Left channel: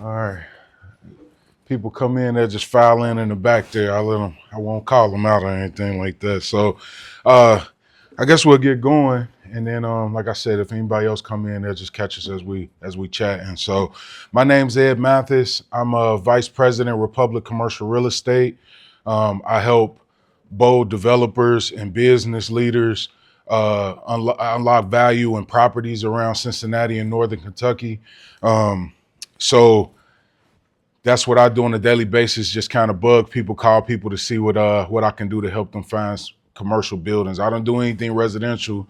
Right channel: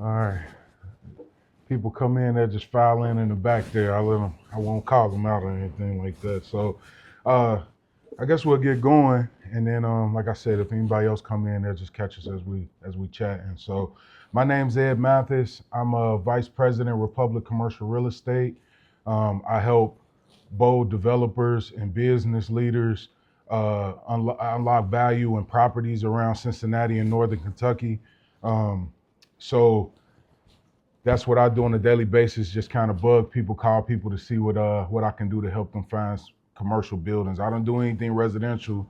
All right. People come in, they just file in the back there. I let them. I won't call them out or anything like that. So, uh, I guess we'll get going, and then, like I said, if anybody else come in, they'll just catch us as we chat. And so, my name's Ed Mathis. I'm a vice president, Republic Commercial Real Estate. I help bold developers and business leaders unlock value in properties around Cincinnati and Northern Kentucky. So that's what I do on a daily basis. Just kind of bug people, call people to see what I can do to help them find commercial buildings. I don't do anything residential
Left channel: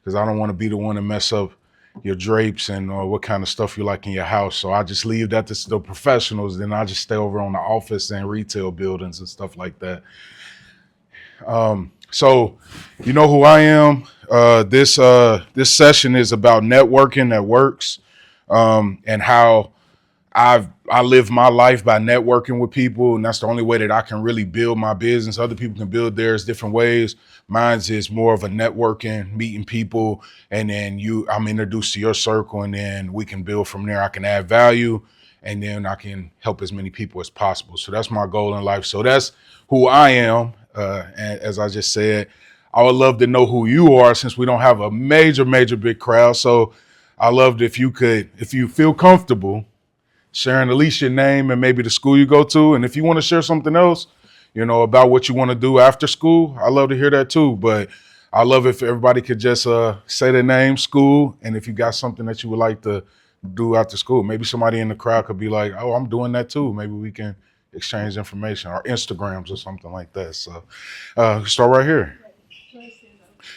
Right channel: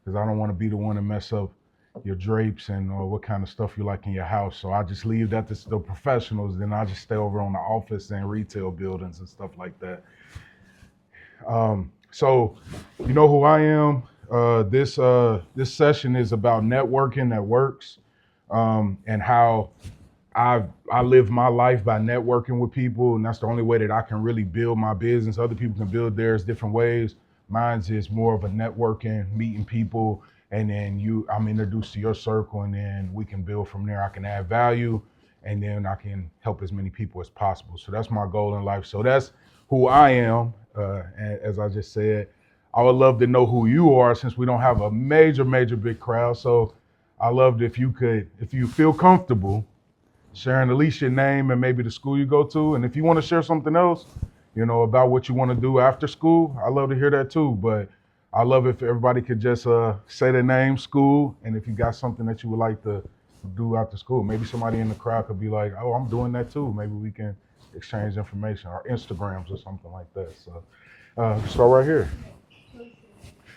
because I don't want to be the one to mess up your drapes and what kind of stuff you like in your house. So I just leave that to the professionals. Then I just stay over on the office and retail buildings and stuff like that. So you know who I am. This session is about networking that works, and how I live my life by networking with people, and that's the only way that I can really build my business. Other people can build theirs different ways. Mine's is more of a networking, meeting people, and then I'm introduced to your circle, and then we can build from there. I can add value, and then I can help as many people as possible. So that's my goal in life. So that's who I am. And as I just said, I would love to know who you are since we don't have a major big crowd. So I loved if you feel comfortable sharing at least your name and maybe the school you go to. And if you want to share something else, about what you want to do after school, I love to hear that too. But I love if everybody could just say their name, school, and if you got something that you would like to do after school. Maybe somebody in the crowd could be like, oh, I'm doing that too. Maybe we can exchange information or Instagrams or something like that. So start right here.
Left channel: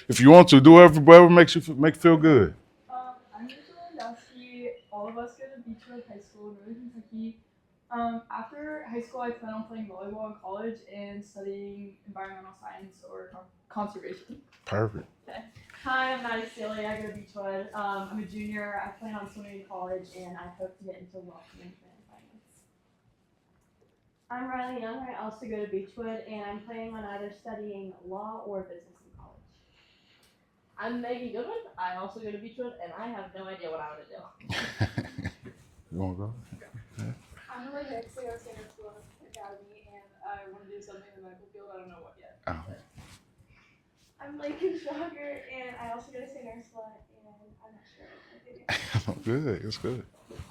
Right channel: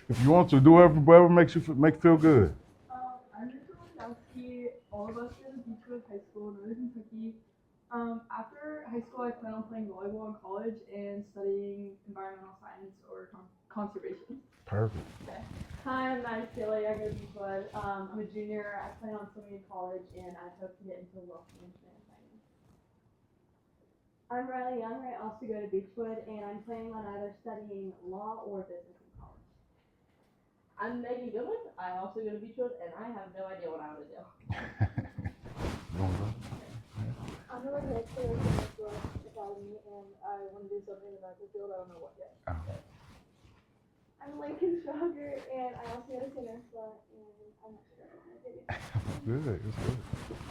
If you want to, do whatever makes make you feel good. I'm Rachel Landowski. All of us go to Beechwood High School in Northern Kentucky. After high school, I plan on playing volleyball in college and studying environmental science or conservation. Perfect. Okay. Hi, I'm Maddie Staley. I go to Beechwood. I'm a junior. I plan on swimming in college, and I hope to get into wealth management and finance. I'm Riley Young. I also go to Beechwood, and I'm planning on either studying law or business in college. I'm Megan Goodwin. I also go to Beechwood, and I have no idea what I want to do. You want to go? I'm Emily Hicks. I go to Senior School Academy, and I want to do something in the medical field. I don't know what yet. I'm Lincoln Schwager, and I also go to St. Ursula, and I'm not sure what my baby. Good. It's good.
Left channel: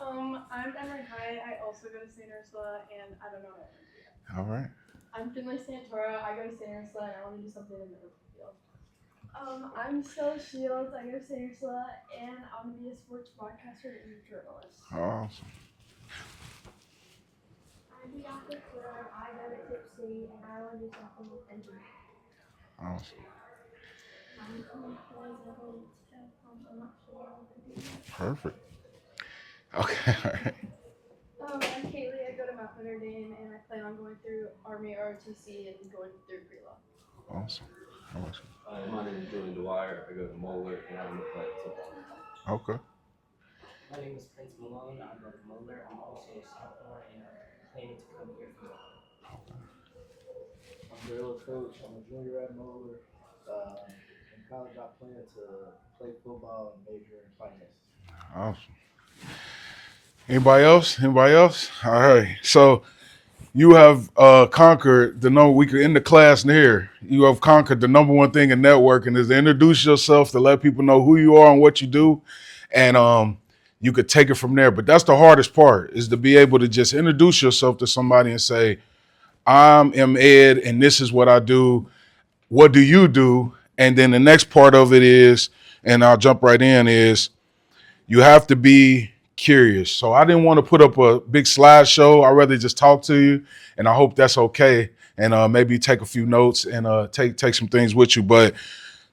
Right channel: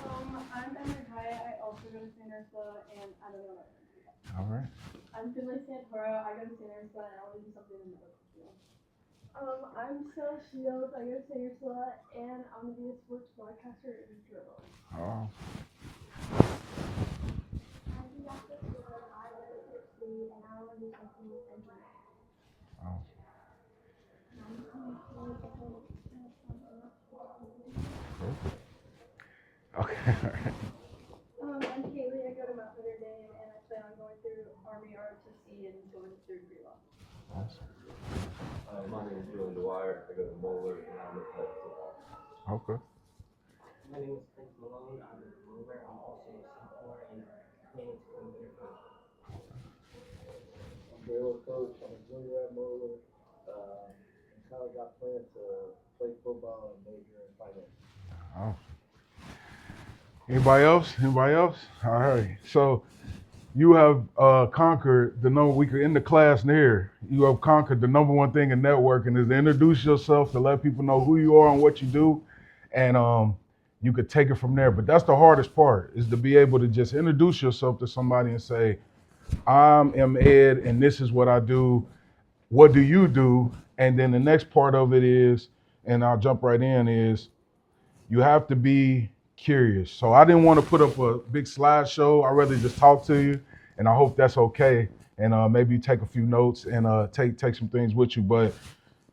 I'm Emily Hyatt. I also go to St. Ursula, and I don't know what I want to do yet. All right. I'm Finley Santoro. I go to St. Ursula, and I want to do something in the medical field. I'm Stella Shields. I go to St. Ursula, and I want to be a sports broadcaster and journalist. Awesome. I'm Bianca Twitter. I go to Tip City, and I want to do something with engineering. Awesome. I'm not sure what to do. Perfect. Okay. I'm Kaylee. I go to Mount Notre Dame, and I plan on going through Army ROTC and going through pre-law. Awesome. My name is Julian Dwyer. I go to Moeller, and I'm a play football. Okay. My name is Prince Malone. I'm at Moeller. I'm also a sophomore and planning to come here for law. I'm Daryl Coach. I'm a junior at Moeller. In college, I plan to play football and major in finance. Awesome. Anybody else? All right. So you have conquered the number. We could end the class here. You have conquered the number one thing in networking is to introduce yourself, to let people know who you are and what you do, and you could take it from there. But that's the hardest part, is to be able to just introduce yourself to somebody and say, I'm Ed, and this is what I do. What do you do? And then the next part of it is, and I'll jump right in, is you have to be curious. So I didn't want to put up a big slideshow. I'd rather just talk to you, and I hope that's okay. And maybe take a few notes and take some things with you. But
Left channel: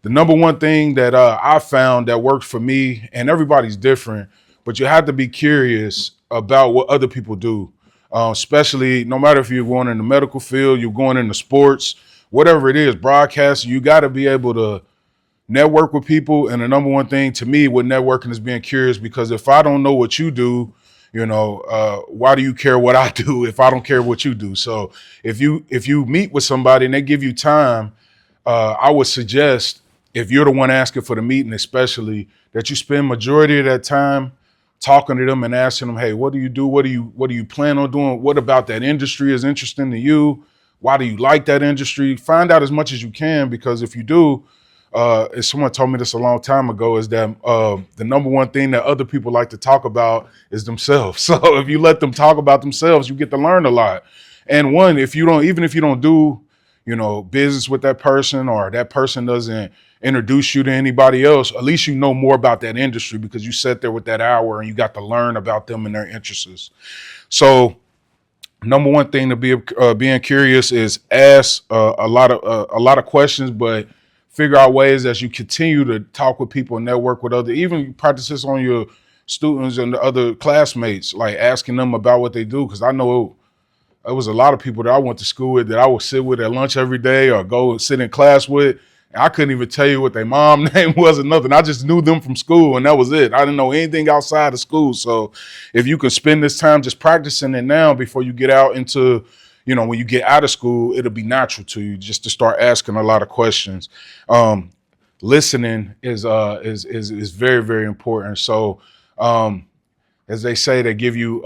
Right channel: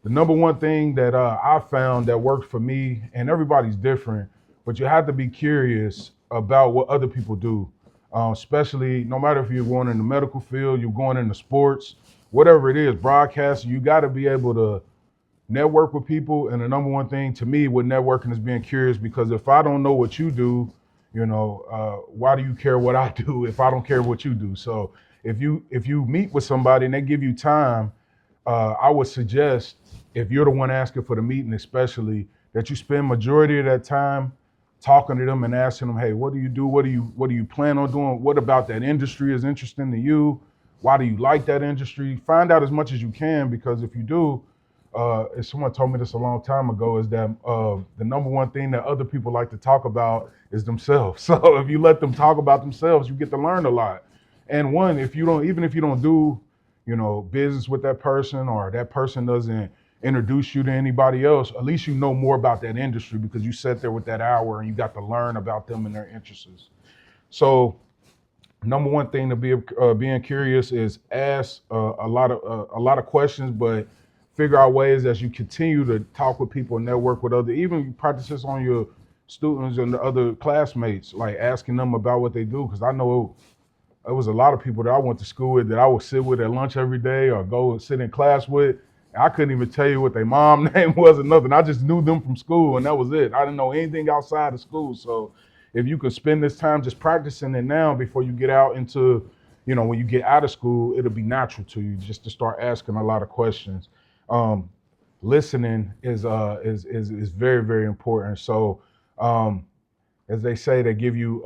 the number one thing that I found that worked for me, and everybody's different, but you have to be curious about what other people do, especially no matter if you're going in the medical field, you're going into sports, whatever it is, broadcasting, you got to be able to network with people. And the number one thing to me with networking is being curious, because if I don't know what you do, why do you care what I do if I don't care what you do? So if you meet with somebody and they give you time, I would suggest, if you're the one asking for the meeting, especially, that you spend majority of that time talking to them and asking them, hey, what do you do? What do you plan on doing? What about that industry is interesting to you? Why do you like that industry? Find out as much as you can, because if you do, as someone told me this a long time ago, is that the number one thing that other people like to talk about is themselves. So if you let them talk about themselves, you get to learn a lot. And one, if you don't do, business with that person, or that person doesn't introduce you to anybody else, at least you know more about that industry, because you sat there with that hour and you got to learn about them and their interests. So number one thing to be being curious is ask a lot of questions, but figure out ways as you continue to talk with people and network with other, even practice this on your students and the other classmates, like asking them about what they do. Because I know it was a lot of people that I went to school with that I would sit with at lunch every day or go and sit in class with. And I couldn't even tell you what their mom name was or nothing. I just knew them from school, and that was it. I didn't know anything outside of school. So if you could spend this time just practicing it now before you get out into, when you get out of school, it'll be natural to you just to start asking a lot of questions. Listening is very, very important. So as they say, they give you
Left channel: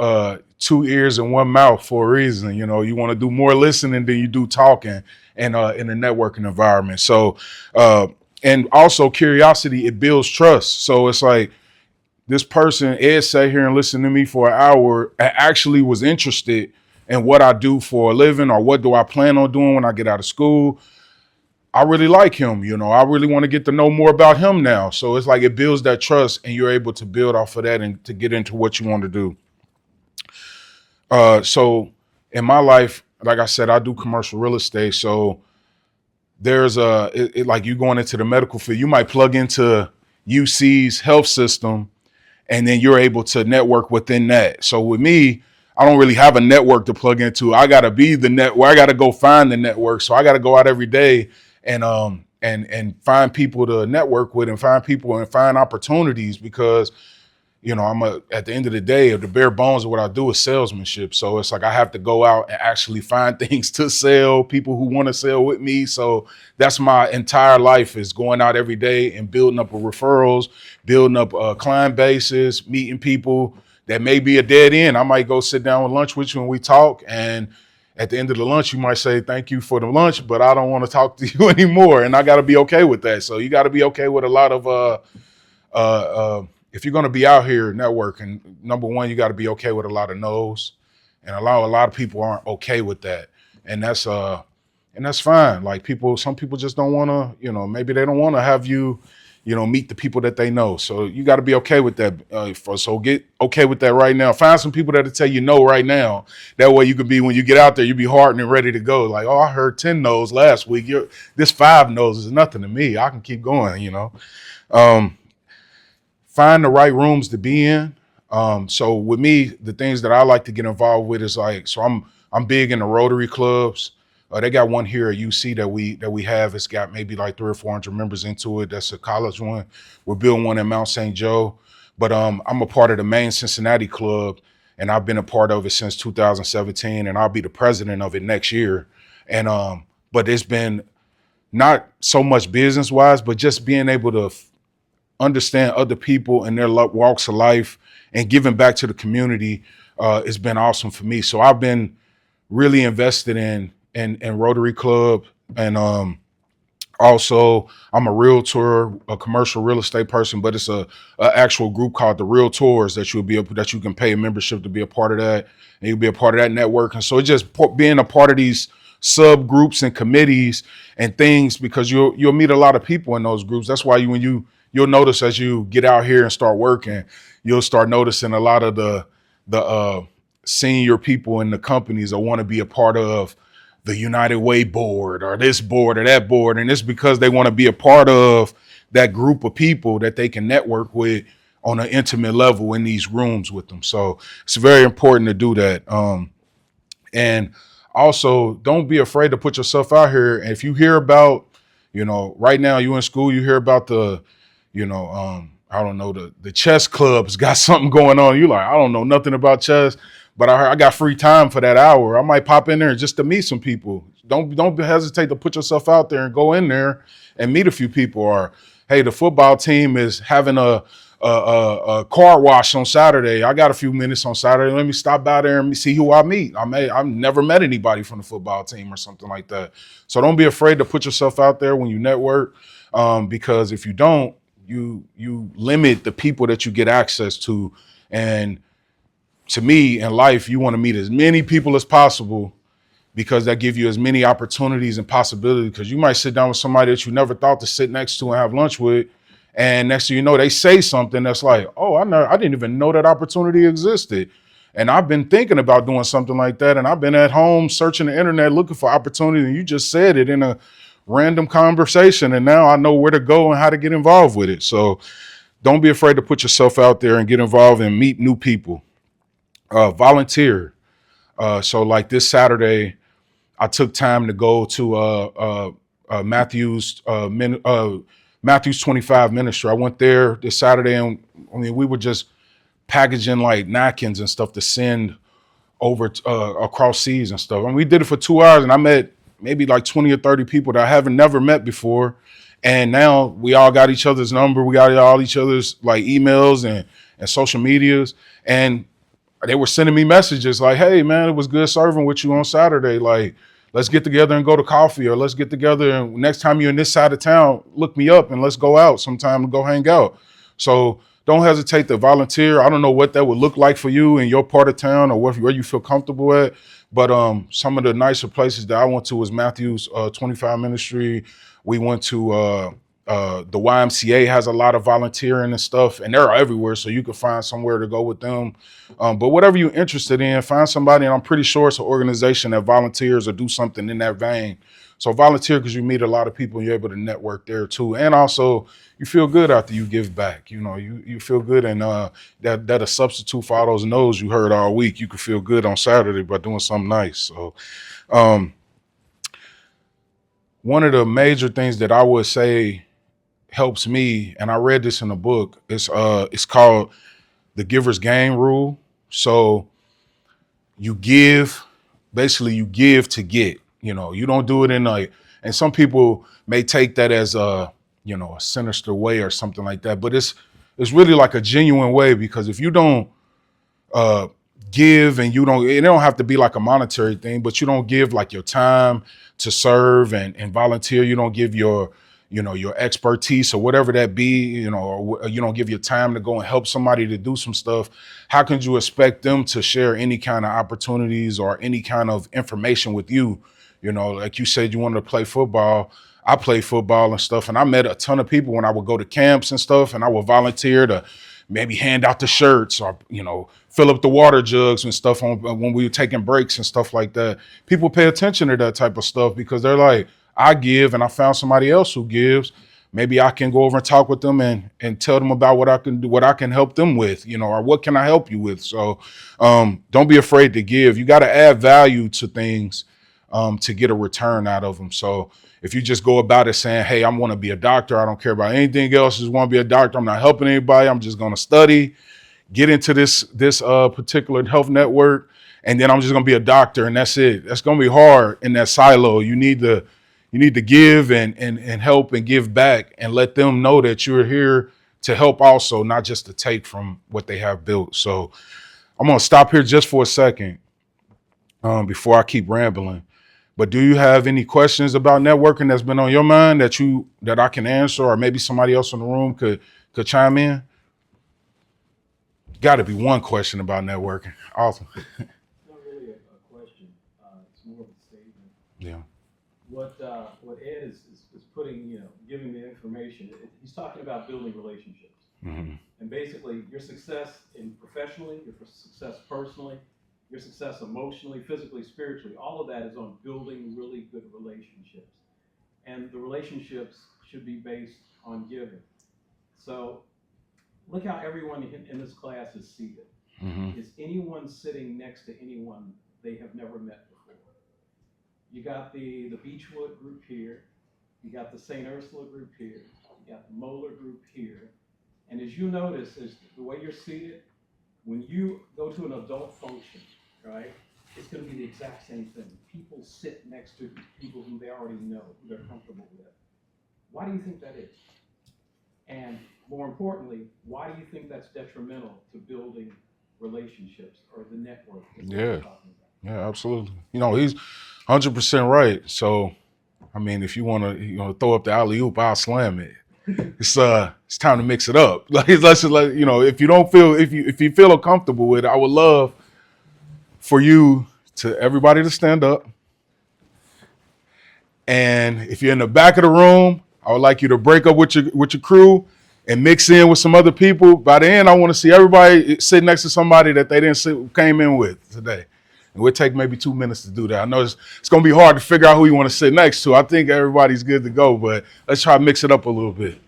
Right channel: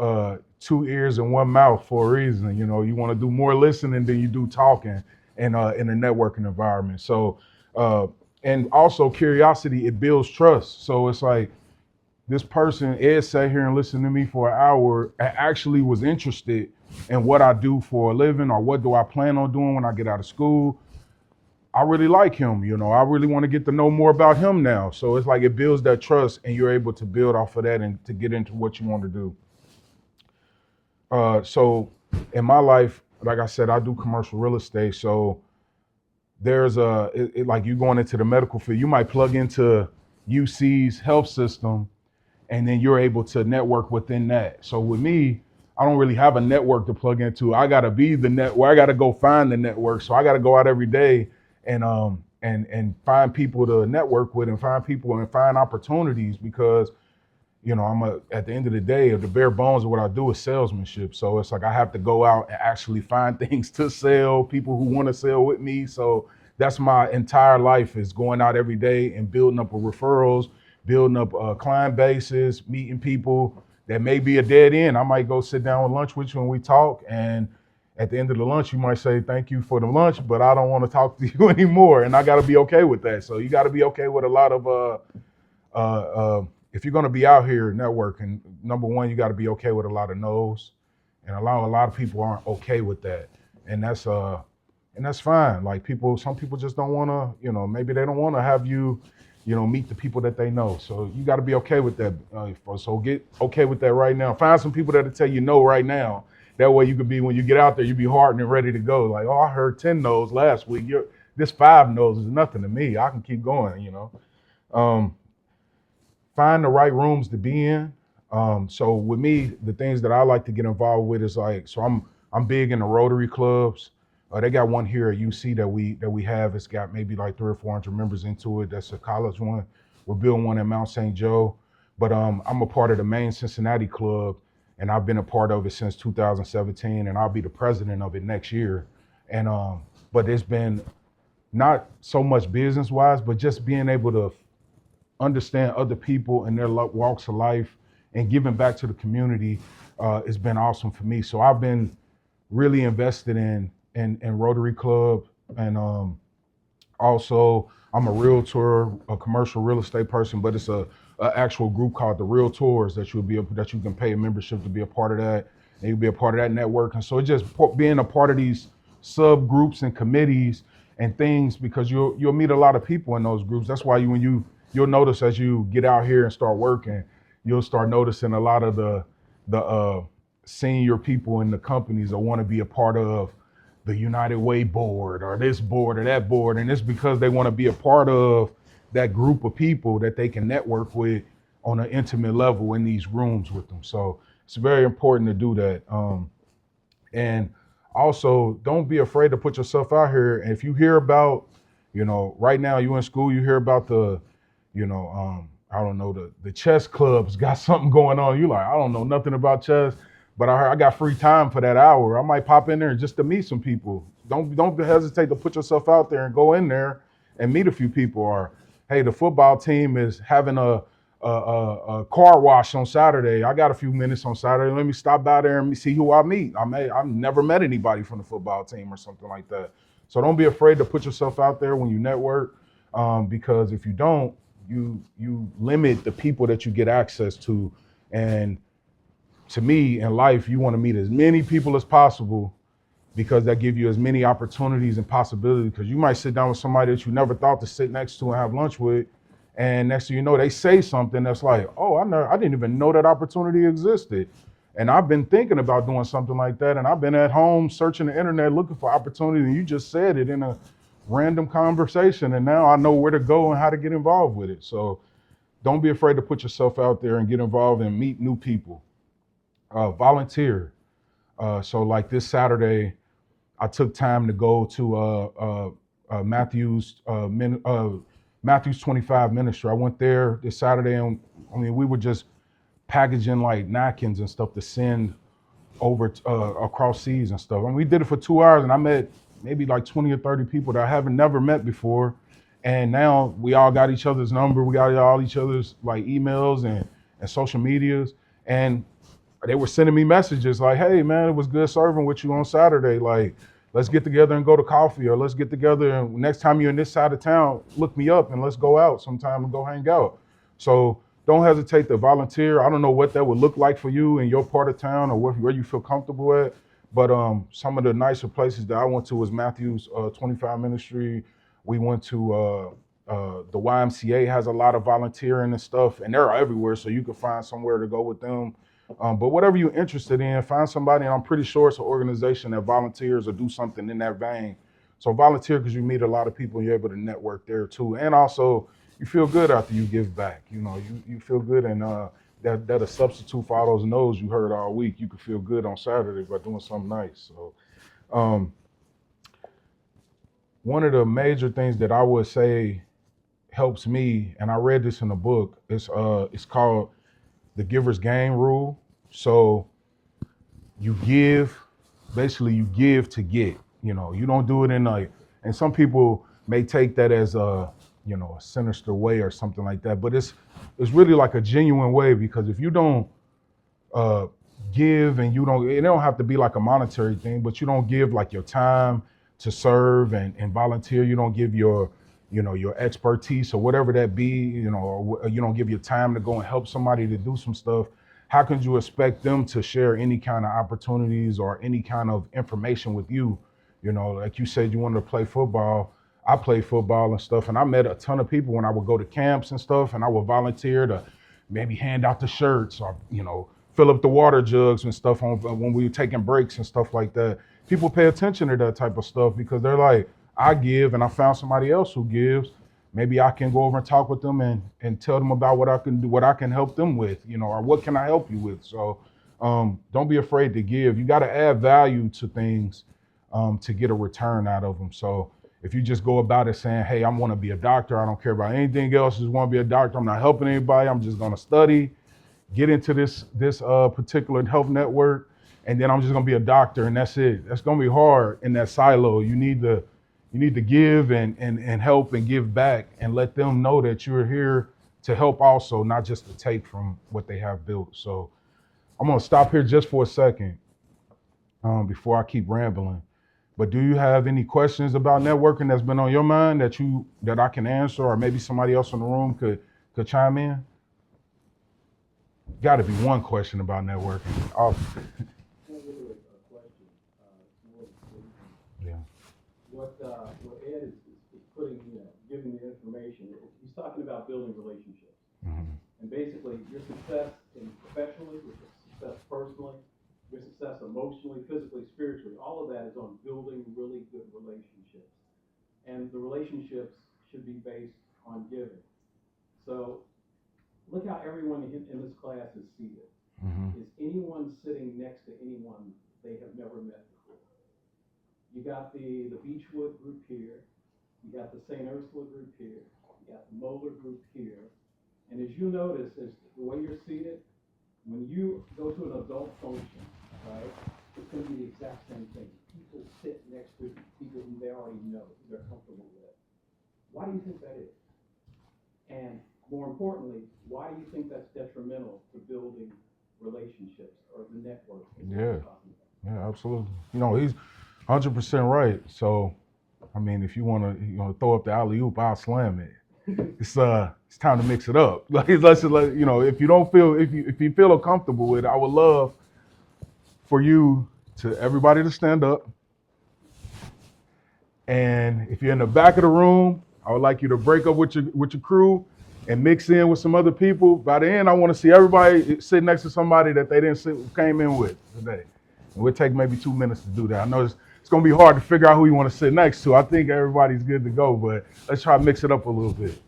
2 ears and 1 mouth for a reason. You want to do more listening than you do talking in a networking environment. So, and also curiosity, it builds trust. So it's like, this person, Ed, sat here and listened to me for an hour and actually was interested in what I do for a living, or what do I plan on doing when I get out of school. I really like him, I really want to get to know more about him now. So it's like it builds that trust, and you're able to build off of that and to get into what you want to do. So in my life, like I said, I do commercial real estate. So there's like you going into the medical field, you might plug into UC's health system, and then you're able to network within that. So with me, I don't really have a network to plug into. I got to be the network. I got to go find the network. So I got to go out every day and find people to network with, and find people and find opportunities, because at the end of the day, the bare bones of what I do is salesmanship. So it's like I have to go out and actually find things to sell, people who want to sell with me. So that's my entire life, is going out every day and building up referrals, building up client bases, meeting people that may be a dead end. I might go sit down with lunch with you and we talk, and at the end of the lunch, you might say, thank you for the lunch, but I don't want to talk to you anymore. And I got to be okay with that. So you got to be okay with a lot of, if you're going to be out here networking, number one, you got to be okay with a lot of no's, and a lot of people aren't okay with that. And that's fine. Like some people just don't want to, maybe they don't want to have you, meet the people that they know. So you got to be okay with that. So get okay with that right now. Find some people that'll tell you no right now. That way you can be, when you get out there, you be hardened and ready to go. Like, oh, I heard 10 no's last week. This 5 no's is nothing to me. I can keep going, Find the right rooms to be in. So with me, the things that I like to get involved with is like, so I'm big in the Rotary clubs. They got one here at UC that we have. It's got maybe like 300 or 400 members into it. That's a college one. We're building one in Mount St. Joe. But I'm a part of the main Cincinnati club, and I've been a part of it since 2017, and I'll be the president of it next year. And but it's been not so much business wise, but just being able to understand other people and their walks of life and giving back to the community has been awesome for me. So I've been really invested in Rotary Club, and also I'm a realtor, a commercial real estate person, but it's a actual group called the Realtors that you can pay a membership to be a part of that, and you'll be a part of that network. And so it's just being a part of these subgroups and committees and things, because you'll meet a lot of people in those groups. That's why you'll notice as you get out here and start working, you'll start noticing a lot of the senior people in the companies that want to be a part of the United Way board or this board or that board. And it's because they want to be a part of that group of people that they can network with on an intimate level in these rooms with them. So it's very important to do that. And also, don't be afraid to put yourself out here. And if you hear about, right now you in school, you hear about the chess club's got something going on. You're like, I don't know nothing about chess, but I got free time for that hour. I might pop in there just to meet some people. Don't hesitate to put yourself out there and go in there and meet a few people. Or, hey, the football team is having a a car wash on Saturday. I got a few minutes on Saturday. Let me stop by there and see who I meet. I've never met anybody from the football team or something like that. So don't be afraid to put yourself out there when you network, because if you don't, you limit the people that you get access to. And to me, in life, you want to meet as many people as possible, because that gives you as many opportunities and possibilities. Because you might sit down with somebody that you never thought to sit next to and have lunch with, and next thing you know, they say something that's like, oh, I didn't even know that opportunity existed. And I've been thinking about doing something like that, and I've been at home searching the internet looking for opportunity, and you just said it in a random conversation, and now I know where to go and how to get involved with it. So don't be afraid to put yourself out there and get involved and meet new people. Volunteer. So like this Saturday, I took time to go to Matthew's 25 ministry. I went there this Saturday, and I mean, we were just packaging like napkins and stuff to send over across seas and stuff. And we did it for 2 hours, and I met maybe like 20 or 30 people that I haven't never met before. And now we all got each other's number. We got all each other's like emails and social medias. And they were sending me messages like, hey man, it was good serving with you on Saturday. Like, let's get together and go to coffee, or let's get together and next time you're in this side of town, look me up and let's go out sometime and go hang out. So don't hesitate to volunteer. I don't know what that would look like for you in your part of town or where you feel comfortable at. But some of the nicer places that I went to was Matthew's 25 ministry. We went to the YMCA has a lot of volunteering and stuff, and they're everywhere, so you can find somewhere to go with them. But whatever you're interested in, find somebody, and I'm pretty sure it's an organization that volunteers or do something in that vein. So volunteer, because you meet a lot of people and you're able to network there too. And also you feel good after you give back. You know, you feel good, and that a substitute for all those no's you heard all week. You can feel good on Saturday by doing something nice. So one of the major things that I would say helps me, and I read this in a book, it's called the giver's gain rule. So you give to get. You know, you don't do it in and some people may take that as a sinister way or something like that, but it's really like a genuine way, because if you don't give, and it don't have to be like a monetary thing, but you don't give like your time to serve and volunteer, you don't give your expertise or whatever that be, or you don't give your time to go and help somebody to do some stuff, how can you expect them to share any kind of opportunities or any kind of information with you? Like you said, you wanted to play football. I play football and stuff, and I met a ton of people when I would go to camps and stuff, and I would volunteer to maybe hand out the shirts or, fill up the water jugs and stuff when we were taking breaks and stuff like that. People pay attention to that type of stuff because they're like, I give and I found somebody else who gives. Maybe I can go over and talk with them and tell them about what I can do, what I can help them with, or what can I help you with? So don't be afraid to give. You got to add value to things to get a return out of them. So if you just go about it saying, hey, I want to be a doctor, I don't care about anything else, just want to be a doctor, I'm not helping anybody, I'm just going to study, get into this particular health network, and then I'm just going to be a doctor, and that's it. That's going to be hard in that silo. You need to give and help and give back and let them know that you're here to help also, not just to take from what they have built. So I'm going to stop here just for a second before I keep rambling. But do you have any questions about networking that's been on your mind that I can answer, or maybe somebody else in the room could chime in? Got to be one question about networking. Awesome. Not really a question. It's more of a statement. Yeah. What Ed is putting, giving the information. He's talking about building relationships, Mm-hmm. and basically your success professionally, your success personally, your success emotionally, physically, spiritually. All of that is on building really good relationships, and the relationships should be based on giving. So look how everyone in this class is seated. Mm-hmm. Is anyone sitting next to anyone they have never met before? You got the Beechwood group here, you got the St. Ursula group here, you got the Moeller group here, and as you notice, as the way you're seated, when you go to an adult function, right, it's going to be the exact same thing. People sit next to people who they already know, who they're comfortable with. Why do you think that is? And more importantly, why do you think that's detrimental to building relationships or the network? Yeah. Yeah, absolutely. He's 100% right. So, I mean, if you want to, throw up the alley oop, I'll slam it. It's time to mix it up. Like, let's just if you don't feel, if you feel uncomfortable with it, I would love for you to everybody to stand up. And if you're in the back of the room, I would like you to break up with your crew and mix in with some other people. By the end, I want to see everybody sit next to somebody that they came in with today. And we'll take maybe 2 minutes to do that. I know it's going to be hard to figure out who you want to sit next to. I think everybody's good to go, but let's try to mix it up a little bit.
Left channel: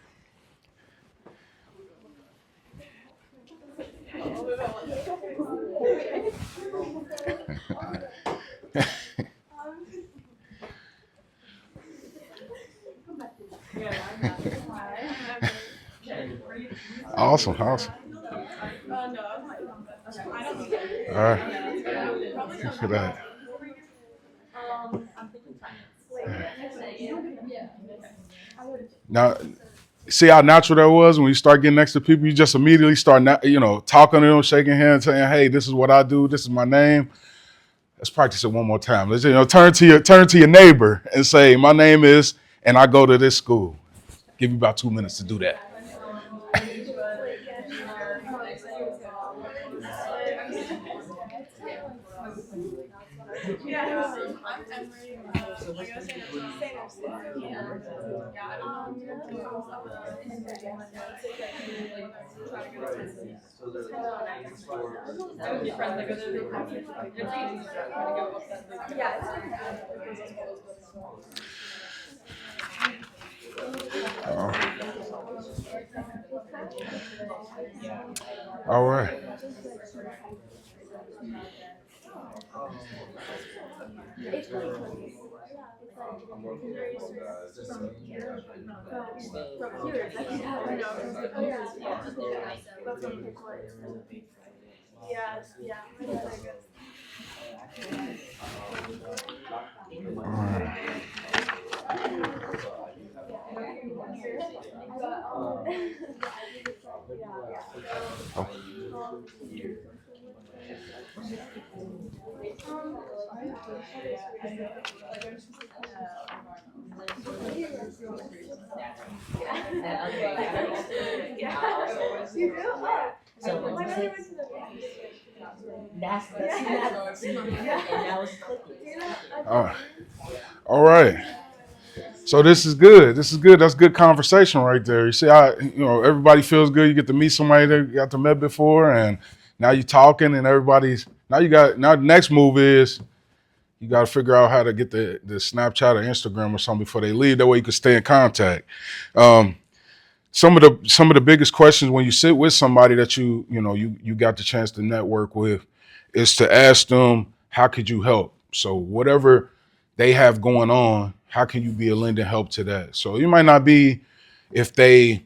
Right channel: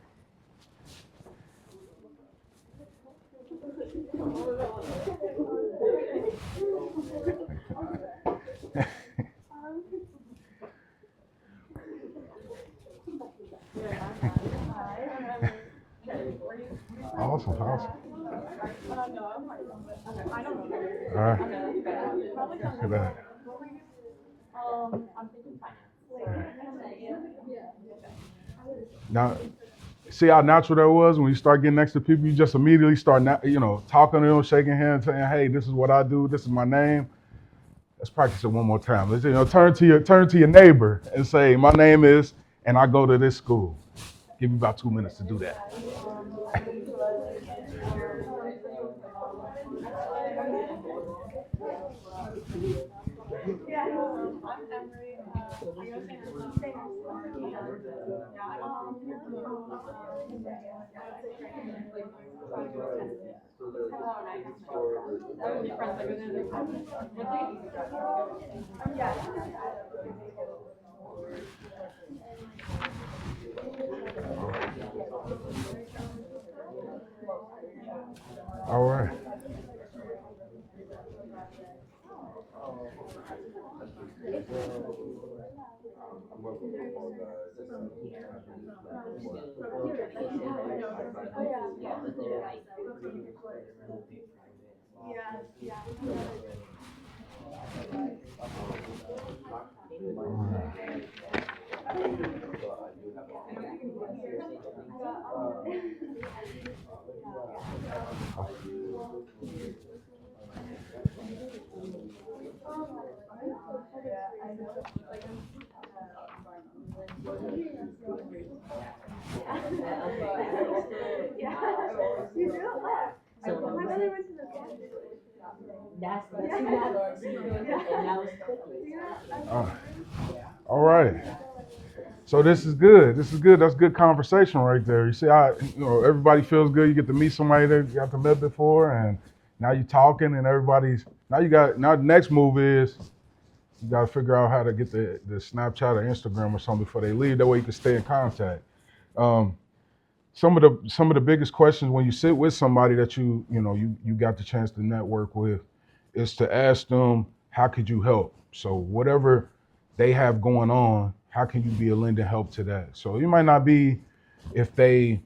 Awesome. No, I'm not. I don't know. All right. Look at that. I'm thinking finance. Now, see how natural that was when you start getting next to people. You just immediately start, talking to them, shaking hands, saying, "Hey, this is what I do. This is my name." Let's practice it one more time. Let's turn to your neighbor and say, "My name is, and I go to this school." Give you about 2 minutes to do that. All right. All right. So this is good. That's good conversation right there. You see how everybody feels good. You get to meet somebody that you got to met before, and now you're talking, and everybody's now the next move is you got to figure out how to get the Snapchat or Instagram or something before they leave. That way you can stay in contact. Some of the biggest questions when you sit with somebody that you got the chance to network with is to ask them, how could you help? So whatever they have going on, how can you be a lending help to that? So you might not be, if they,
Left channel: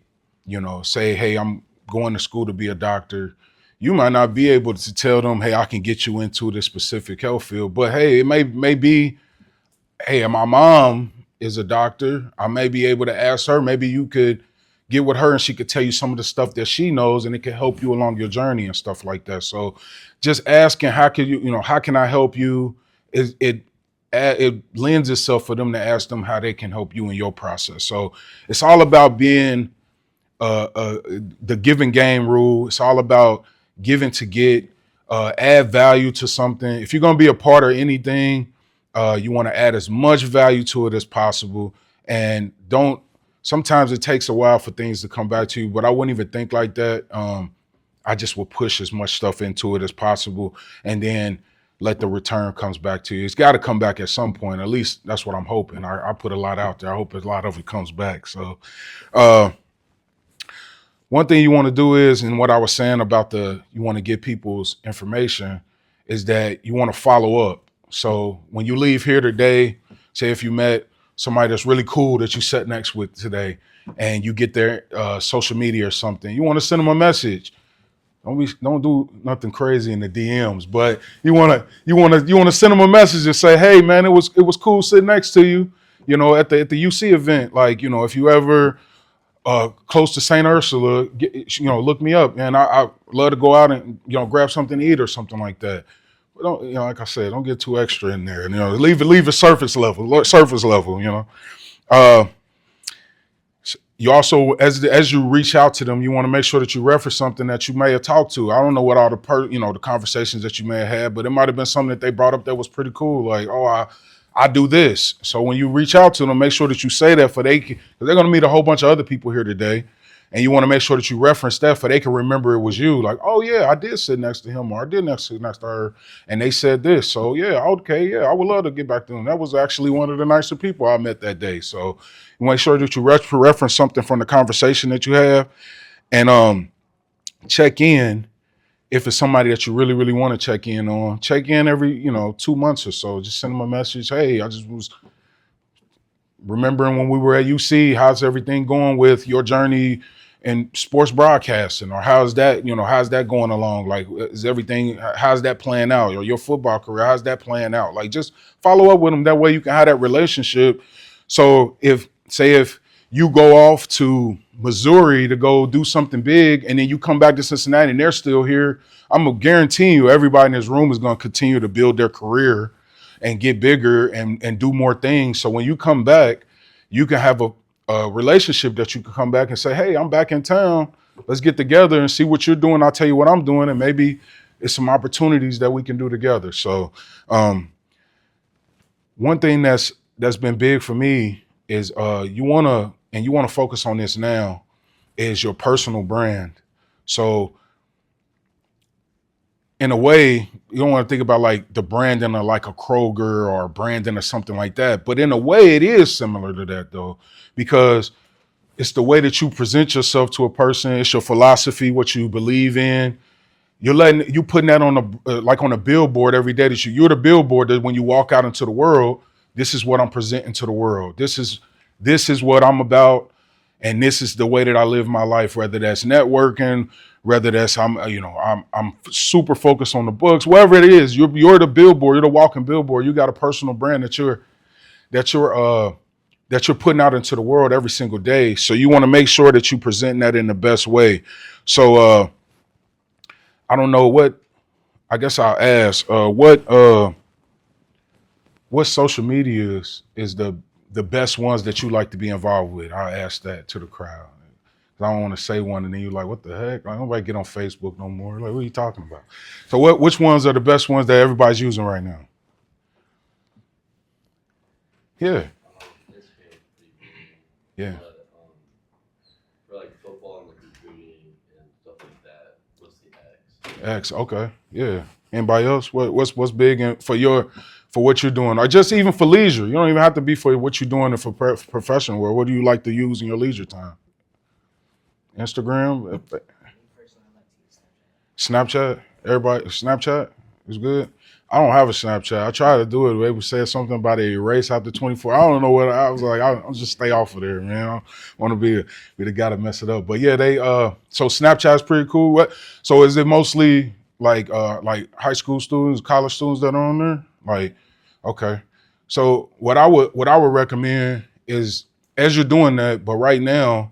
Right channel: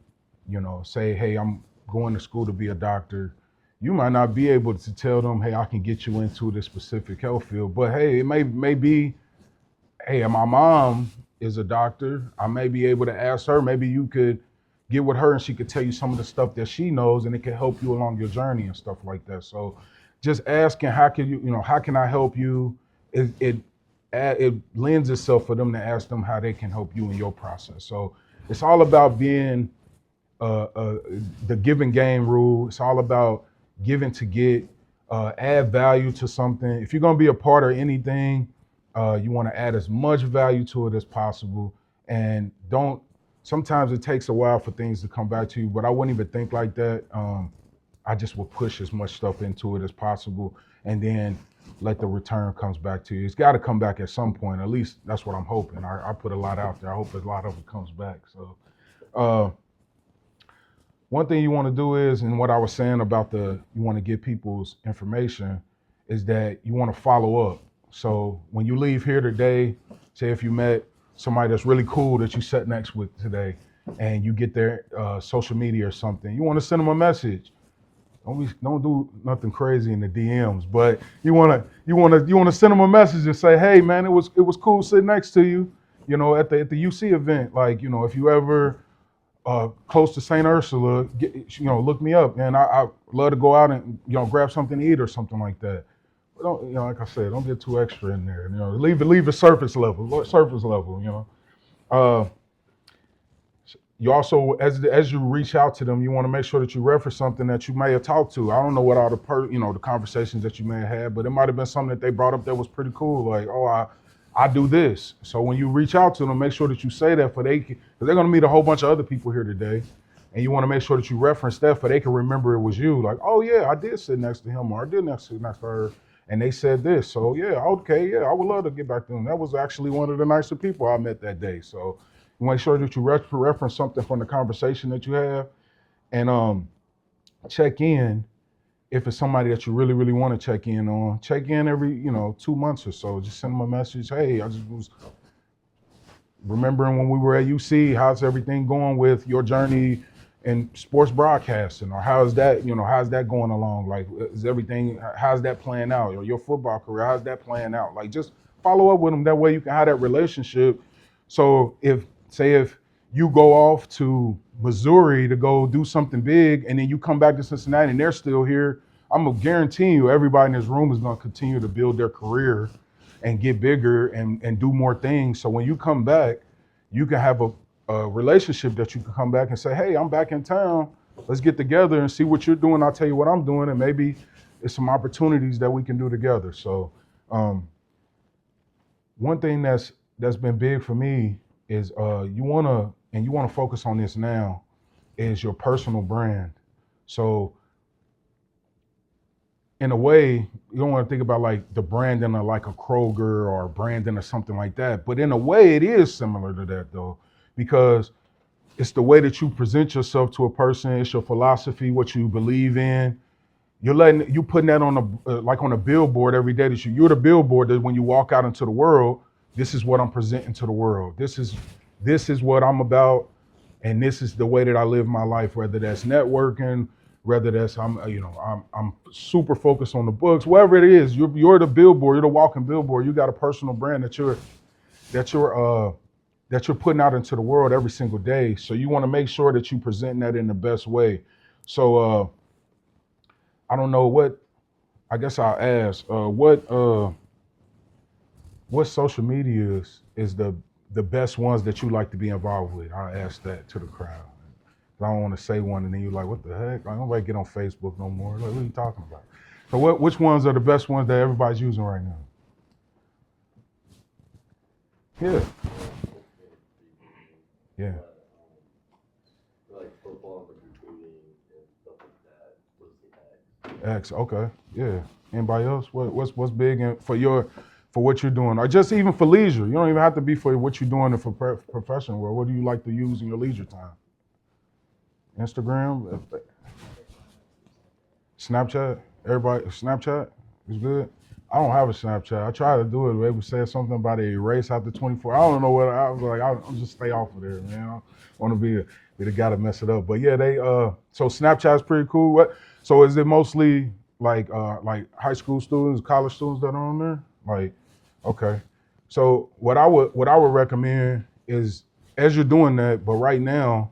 say, hey, I'm going to school to be a doctor. You might not be able to tell them, hey, I can get you into this specific health field. But hey, it may be, hey, my mom is a doctor. I may be able to ask her. Maybe you could get with her and she could tell you some of the stuff that she knows, and it can help you along your journey and stuff like that. So just asking, how can I help you? It lends itself for them to ask them how they can help you in your process. So it's all about being the giving game rule. It's all about giving to get, add value to something. If you're going to be a part of anything, you want to add as much value to it as possible. And sometimes it takes a while for things to come back to you, but I wouldn't even think like that. I just will push as much stuff into it as possible, and then let the return comes back to you. It's got to come back at some point. At least that's what I'm hoping. I put a lot out there. I hope a lot of it comes back. So one thing you want to do is, and what I was saying about you want to get people's information, is that you want to follow up. So when you leave here today, say if you met somebody that's really cool that you sat next with today, and you get their social media or something, you want to send them a message. Don't do nothing crazy in the DMs, but you want to send them a message and say, hey man, it was cool sitting next to you, at the UC event. Like, if you ever close to St. Ursula, look me up, man. I love to go out and grab something to eat or something like that. But don't, like I said, don't get too extra in there. Leave it surface level. Uh, you also, as you reach out to them, you want to make sure that you reference something that you may have talked to. I don't know what all the conversations that you may have had, but it might have been something that they brought up that was pretty cool. Like, oh, I do this. So when you reach out to them, make sure that you say that because they're going to meet a whole bunch of other people here today. And you want to make sure that you reference that for they can remember it was you. Like, oh yeah, I did sit next to him or I did sit next to her. And they said this. So yeah, okay, yeah, I would love to get back to them. That was actually one of the nicer people I met that day. So you make sure that you reference something from the conversation that you have and check in. If it's somebody that you really, really want to check in on, check in every, 2 months or so. Just send them a message. Hey, I just was remembering when we were at UC, how's everything going with your journey in sports broadcasting? Or how's that going along? Like, how's that playing out? Or your football career, how's that playing out? Like, just follow up with them. That way you can have that relationship. So if you go off to Missouri to go do something big and then you come back to Cincinnati and they're still here, I'm gonna guarantee you everybody in this room is gonna continue to build their career and get bigger and do more things. So when you come back, you can have a relationship that you can come back and say, hey, I'm back in town. Let's get together and see what you're doing. I'll tell you what I'm doing. And maybe it's some opportunities that we can do together. So one thing that's been big for me is you want to focus on this now is your personal brand. So in a way, you don't want to think about like the branding of like a Kroger or branding or something like that. But in a way, it is similar to that though, because it's the way that you present yourself to a person. It's your philosophy, what you believe in. You putting that on a billboard every day that you're the billboard that when you walk out into the world, this is what I'm presenting to the world. This is what I'm about. And this is the way that I live my life, whether that's networking, whether that's I'm super focused on the books, whatever it is, you're the billboard, you're the walking billboard. You got a personal brand that you're putting out into the world every single day. So you want to make sure that you present that in the best way. So I don't know I guess I'll ask, what social media is the best ones that you like to be involved with? I'll ask that to the crowd. I don't want to say one and then you're like, what the heck? Like, nobody get on Facebook no more. Like, what are you talking about? So which ones are the best ones that everybody's using right now? Yeah. Yeah. For like football and like recruiting and stuff like that, what's the X? X, okay. Yeah. Anybody else? What's big for what you're doing? Or just even for leisure. You don't even have to be for what you're doing for professional work. What do you like to use in your leisure time? Instagram? Snapchat? Everybody, Snapchat is good. I don't have a Snapchat. I tried to do it. They would say something about a erase after 24. I don't know what I was like. I'll just stay off of there, man. I don't want to be the guy to mess it up. But yeah, so Snapchat's pretty cool. So is it mostly like high school students, college students that are on there? Like, okay. So what I would recommend is as you're doing that, but right now,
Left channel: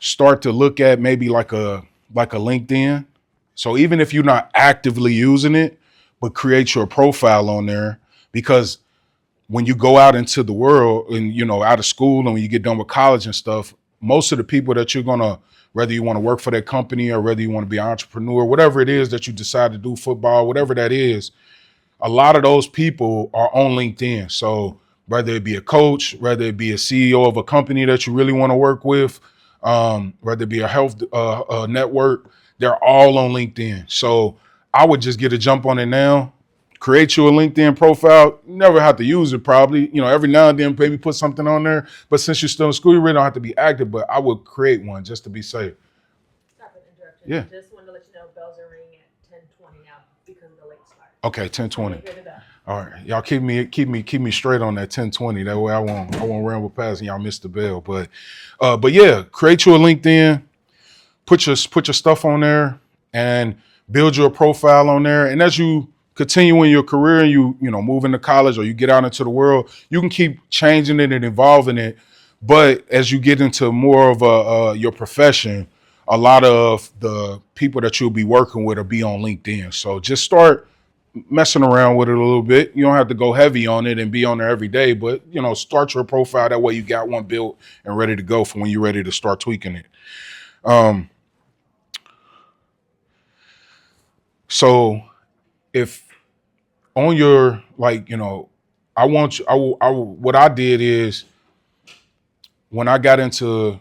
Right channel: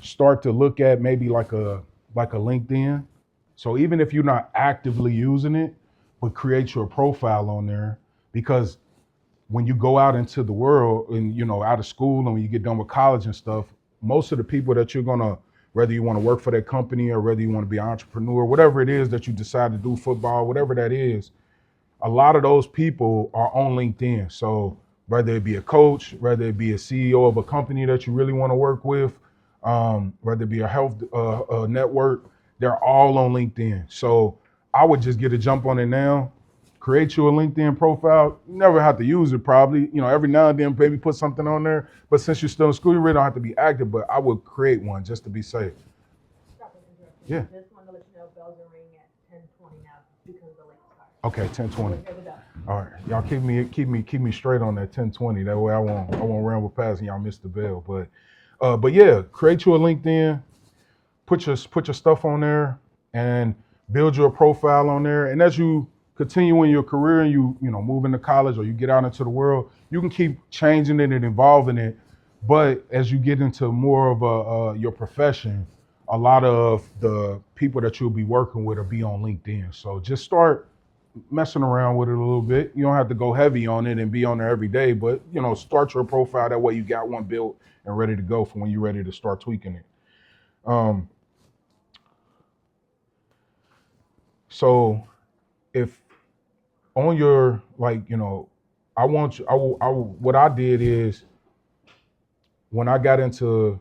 start to look at maybe like a LinkedIn. So even if you're not actively using it, but create your profile on there, because when you go out into the world and, out of school and when you get done with college and stuff, most of the people that you're gonna, whether you want to work for that company or whether you want to be an entrepreneur, whatever it is that you decide to do, football, whatever that is, a lot of those people are on LinkedIn. So whether it be a coach, whether it be a CEO of a company that you really want to work with, whether it be a health network, they're all on LinkedIn. So I would just get a jump on it now, create you a LinkedIn profile. You never have to use it probably, every now and then maybe put something on there. But since you're still in school, you really don't have to be active, but I would create one just to be safe. Stop and interrupt. Yeah. Just wanted to let you know bells are ringing at 10:20 now because of the late start. Okay, 10:20. You'll hear the bell. All right, y'all keep me straight on that 10:20. That way I won't ramble past and y'all miss the bell. But yeah, create you a LinkedIn, put your stuff on there, and build your profile on there. And as you continue in your career and you move into college or you get out into the world, you can keep changing it and evolving it. But as you get into more of your profession, a lot of the people that you'll be working with will be on LinkedIn. So just start messing around with it a little bit. You don't have to go heavy on it and be on there every day, but start your profile. That way you got one built and ready to go for when you're ready to start tweaking it. So if on your, I want you, what I did is when I got into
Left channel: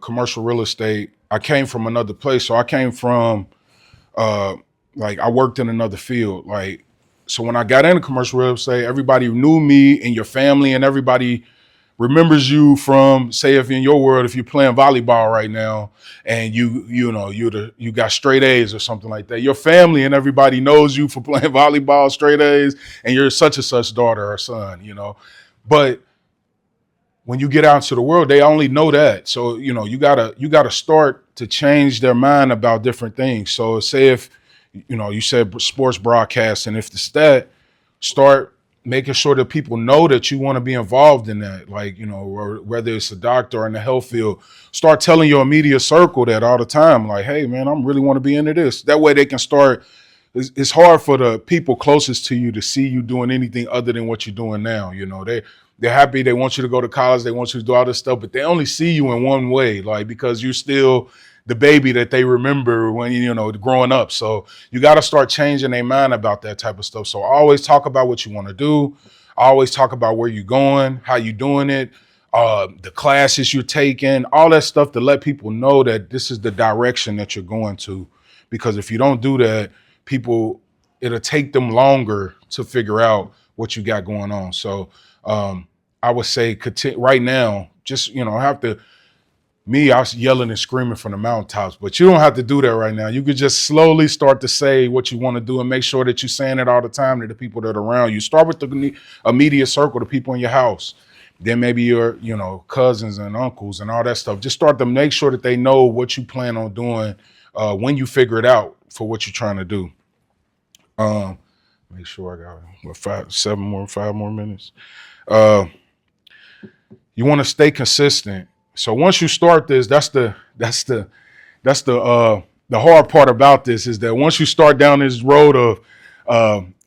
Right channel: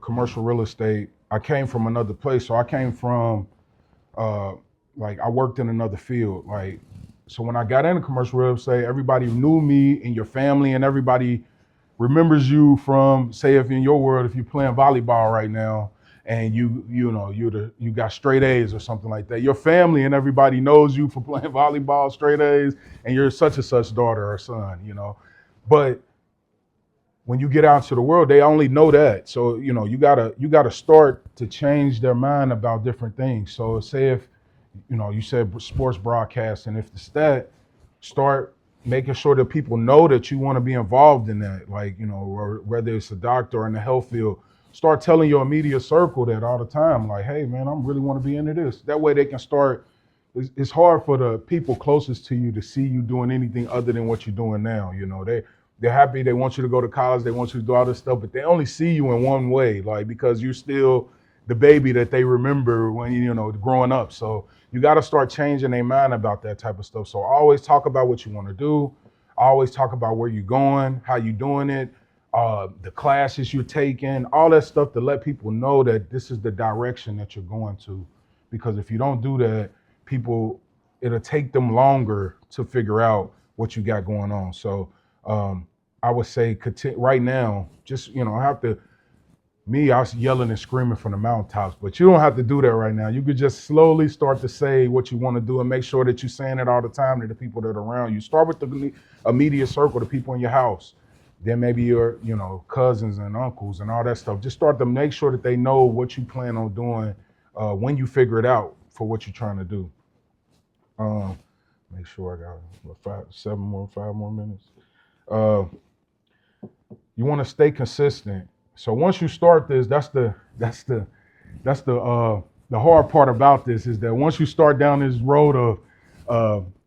commercial real estate, I came from another place. So I came from, I worked in another field. So when I got into commercial real estate, everybody knew me and your family, and everybody remembers you from, say, if in your world, if you're playing volleyball right now and you got straight A's or something like that, your family and everybody knows you for playing volleyball, straight A's, and you're such and such daughter or son, But when you get out into the world, they only know that. So, you gotta start to change their mind about different things. So say if, you said sports broadcasting, if it's that, start making sure that people know that you want to be involved in that, or whether it's a doctor or in the health field, start telling your immediate circle that all the time, like, hey man, I really want to be into this. That way they can start. It's hard for the people closest to you to see you doing anything other than what you're doing now. They're happy. They want you to go to college. They want you to do all this stuff, but they only see you in one way, because you're still the baby that they remember when, growing up. So you got to start changing their mind about that type of stuff. So always talk about what you want to do. Always talk about where you're going, how you doing it, the classes you're taking, all that stuff to let people know that this is the direction that you're going to. Because if you don't do that, it'll take them longer to figure out what you got going on. So I would say right now, just, I was yelling and screaming from the mountaintops, but you don't have to do that right now. You could just slowly start to say what you want to do and make sure that you're saying it all the time to the people that are around you. Start with the immediate circle, the people in your house. Then maybe your, cousins and uncles and all that stuff. Just start to make sure that they know what you plan on doing when you figure it out for what you're trying to do. Make sure I got 5 more minutes. You want to stay consistent. So once you start this, that's the hard part about this, is that once you start down this road of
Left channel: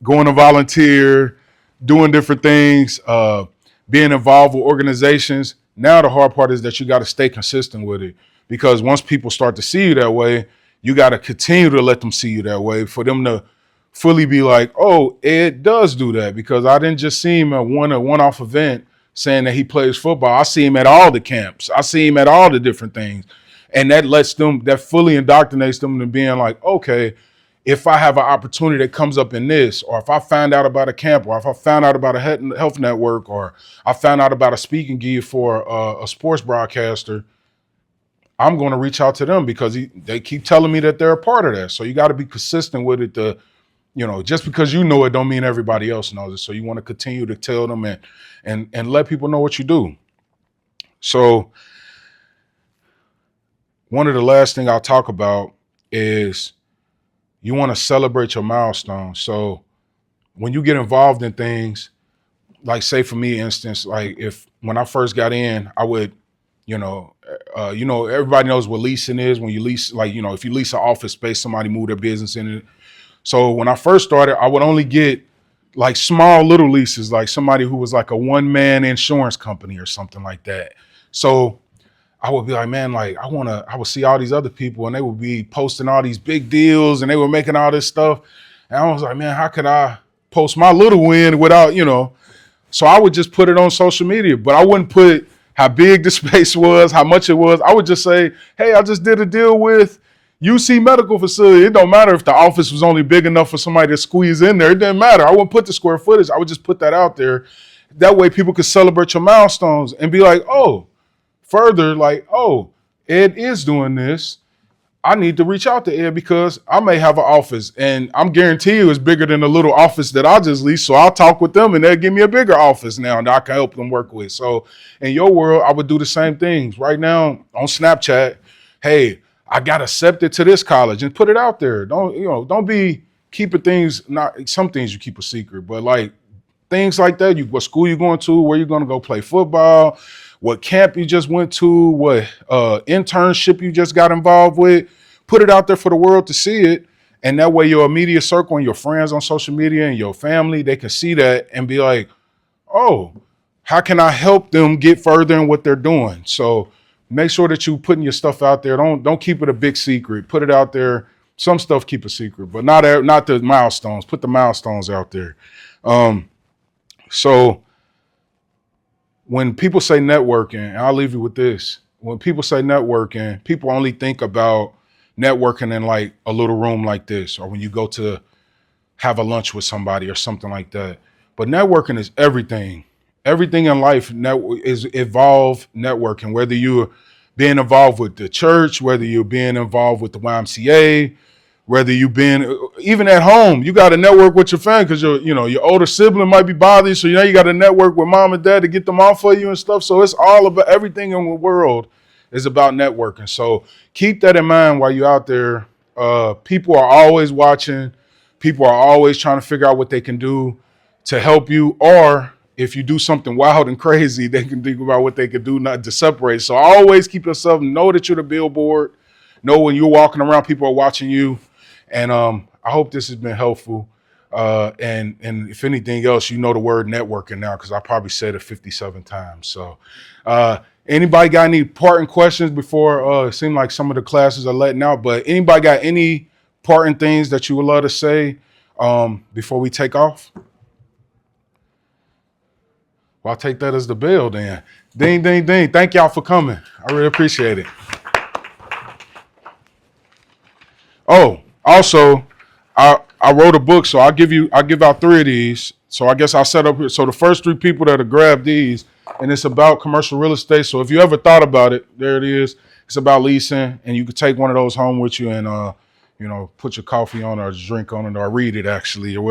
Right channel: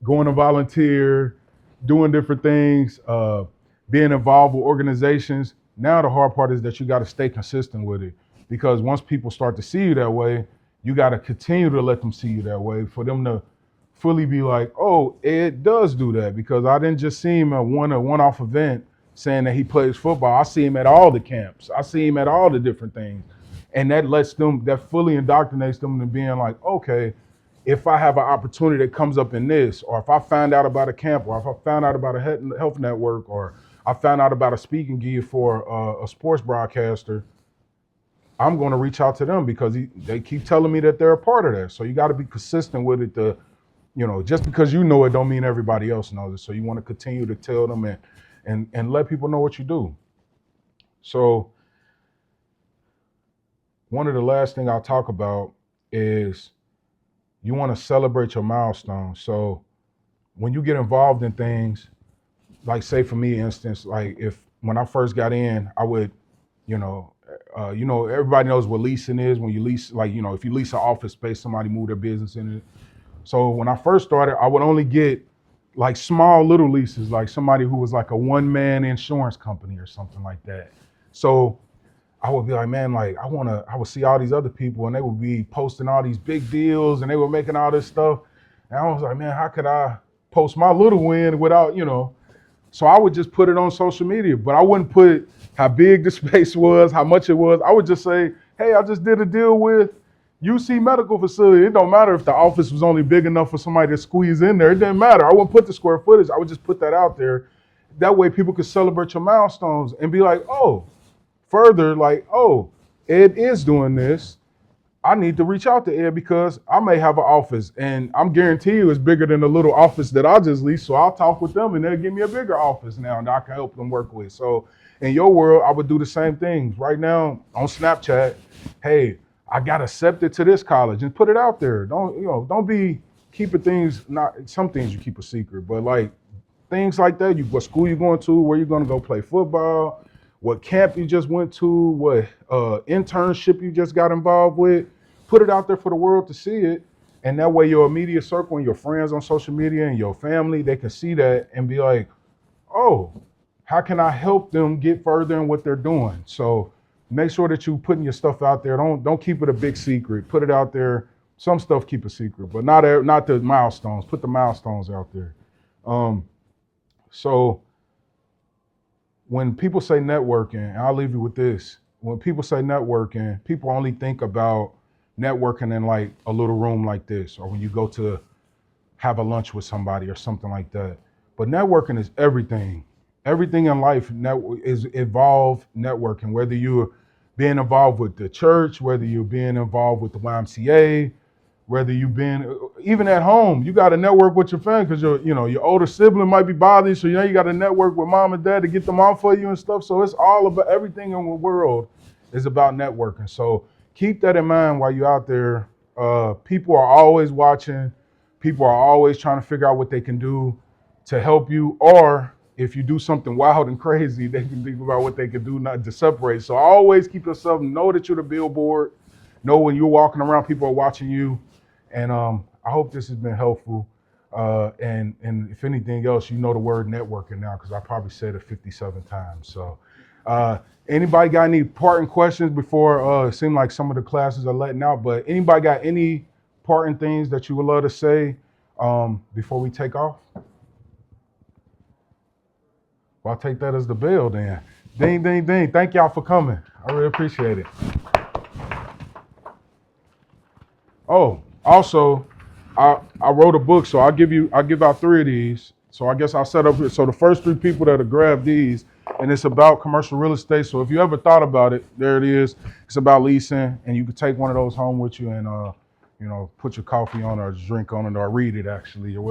going to volunteer, doing different things, being involved with organizations, now the hard part is that you got to stay consistent with it. Because once people start to see you that way, you got to continue to let them see you that way for them to fully be like, oh, Ed does do that, because I didn't just see him at a one-off event saying that he plays football. I see him at all the camps. I see him at all the different things. And that fully indoctrinates them to being like, okay, if I have an opportunity that comes up in this, or if I find out about a camp, or if I found out about a health network, or I found out about a speaking gig for a sports broadcaster, I'm going to reach out to them because they keep telling me that they're a part of that. So you got to be consistent with it. Just because you know it don't mean everybody else knows it. So you want to continue to tell them and let people know what you do. So one of the last thing I'll talk about is you want to celebrate your milestones. So when you get involved in things, like say for me, instance, like when I first got in, I would, everybody knows what leasing is. When you lease, if you lease an office space, somebody move their business in it. So when I first started, I would only get like small little leases, like somebody who was like a one-man insurance company or something like that. So I would be like, man, I would see all these other people and they would be posting all these big deals and they were making all this stuff. And I was like, man, how could I post my little win without, So I would just put it on social media, but I wouldn't put how big the space was, how much it was. I would just say, hey, I just did a deal with UC Medical Facility. It don't matter if the office was only big enough for somebody to squeeze in there. It didn't matter. I wouldn't put the square footage. I would just put that out there. That way people could celebrate your milestones and be like, oh, further, like, oh, Ed is doing this. I need to reach out to Ed because I may have an office and I'm guarantee you it's bigger than the little office that I just leased. So I'll talk with them and they'll give me a bigger office now that I can help them work with. So in your world, I would do the same things. Right now on Snapchat, hey, I got accepted to this college, and put it out there. Don't be keeping things, some things you keep a secret, but like things like that, what school you going to, where you're going to go play football, what camp you just went to, what internship you just got involved with. Put it out there for the world to see it. And that way your immediate circle and your friends on social media and your family, they can see that and be like, oh, how can I help them get further in what they're doing? So make sure that you putting your stuff out there. Don't keep it a big secret. Put it out there. Some stuff keep a secret, but not the milestones. Put the milestones out there. So when people say networking, and I'll leave you with this. When people say networking, people only think about networking in like a little room like this, or when you go to have a lunch with somebody or something like that. But networking is everything. Everything in life is evolved networking, whether you're being involved with the church, whether you're being involved with the YMCA, whether you've been even at home, you got to network with your family because your older sibling might be bothering you. So you got to network with mom and dad to get them off for you and stuff. So it's all about everything in the world is about networking. So keep that in mind while you're out there. People are always watching. People are always trying to figure out what they can do to help you, or if you do something wild and crazy, they can think about what they can do not to separate. So always keep yourself, know that you're the billboard. Know when you're walking around, people are watching you. And I hope this has been helpful. And if anything else, you know the word networking now because I probably said it 57 times. So anybody got any parting questions before it seemed like some of the classes are letting out, but anybody got any parting things that you would love to say before we take off? Well, I'll take that as the bell then. Ding, ding, ding. Thank y'all for coming. I really appreciate it. Oh, also, I wrote a book, so I'll give out 3 of these. So I guess I'll set up here. So the first 3 people that have grabbed these, and it's about commercial real estate. So if you ever thought about it, there it is. It's about leasing, and you could take one of those home with you and put your coffee on or drink on it or read it actually or